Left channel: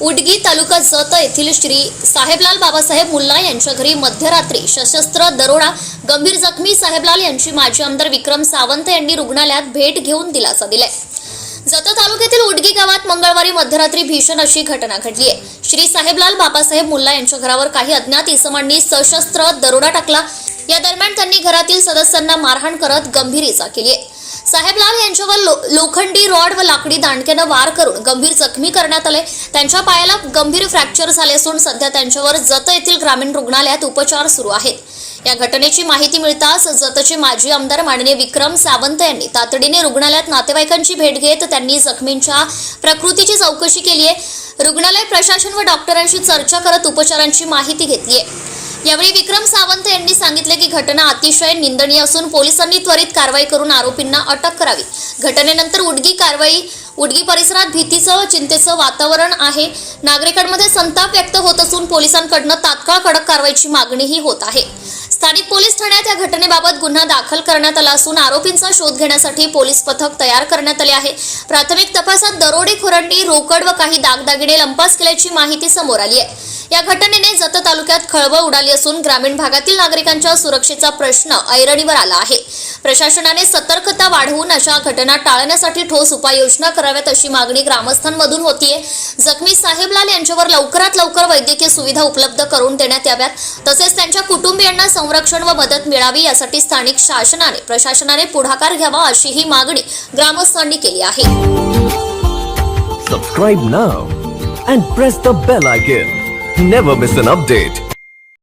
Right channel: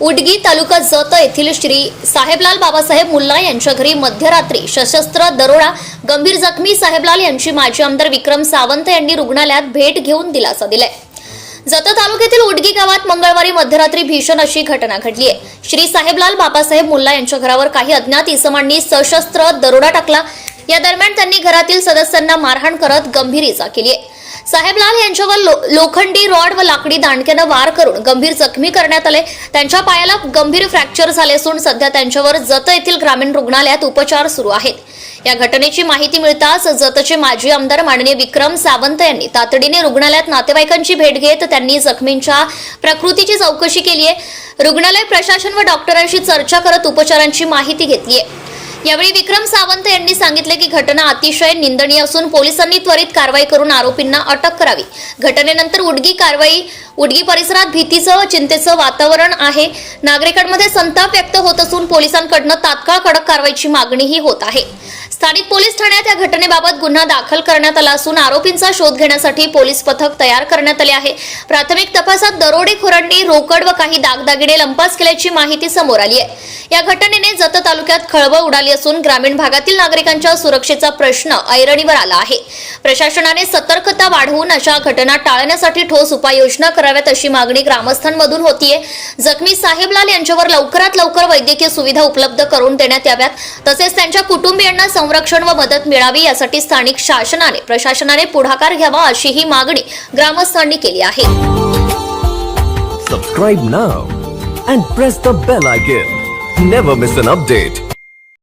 उडगी तालुका जत येथील श्री साहेबलाल बाबासाहेब मुल्ला यांच्या घरी मध्यरात्री सशस्त्र दरोडा गंभीर जखमी साहेबलाल यांची माजी आमदार विक्रम सावंत यांनी रुग्णालयात भेट घेऊन दिलासा दिलाय. जत तालुक्यातील उडगी गावात मंगळवारी मध्यरात्री भीषण अशी घटना घडली आहे श्री साहेबलाल बाबासाहेब मुल्ला यांच्या घरावर काही अज्ञात इसमांनी सशस्त्र दरोडा टाकला. या दरम्यान त्यांनी घरातील सदस्यांना मारहाण करत गंभीर इजा केली आहे साहेबलाल यांच्यावर लो- लोखंडी रॉड व लाकडी दांडक्यानं वार करून गंभीर जखमी करण्यात आले. त्यांच्या पायाला गंभीर फ्रॅक्चर झाले असून सध्या त्यांच्यावर जत येथील ग्रामीण रुग्णालयात उपचार सुरू आहेत. या घटनेची माहिती मिळताच जतचे माजी आमदार माननीय विक्रम सावंत यांनी तातडीने रुग्णालयात नातेवाईकांची भेट घेत त्यांनी जखमींच्या प्रकृतीची चौकशी केली आहे रुग्णालय प्रशासन व डॉक्टरांशी चर्चा करत उपचारांची माहिती घेतली आहे यावेळी विक्रम सावंत यांनी सांगितले की घटना अतिशय निंदनीय असून पोलिसांनी त्वरित कारवाई करून आरोपींना अटक करावी. घटनेनंतर उडगी कारवाई उडगी परिसरात भीतीचं व चिंतेचं वातावरण आहे. नागरिकांमध्ये संताप व्यक्त होत असून पोलिसांकडनं तात्काळ कडक कारवाईची मागणीही होत आहे. स्थानिक पोलीस ठाण्यात या घटनेबाबत गुन्हा दाखल करण्यात आला असून आरोपींचा शोध घेण्यासाठी पोलीस पथक तयार करण्यात आले आहे. प्राथमिक तपासात दरोडेखोरांनी रोकड व काही दागदागिने लंपास केल्याची माहिती समोर आली आहे. या घटनेने जत तालुक्यात खळबळ उडाली असून ग्रामीण भागातील नागरिकांच्या सुरक्षेचा प्रश्न ऐरणीवर आला आहे. प्रशासनाने सतर्कता वाढवून अशा घटना टाळण्यासाठी ठोस उपाययोजना कराव्यात अशी मागणी ग्रामस्थांमधून होतीये. जखमी साहेबलाल यांच्यावर लवकरात लवकर वैद्यकीय सुविधा उपलब्ध करून देण्यात याव्यात. तसेच त्यांच्या कुटुंबियांना संरक्षण व मदत मिळावी यासाठी स्थानिक शासनाने प्रशासनाने पुढाकार घ्यावा अशी ही मागणी ग्रामस्थांनी केली आहे. Subscribe now and press the bell icon never miss an update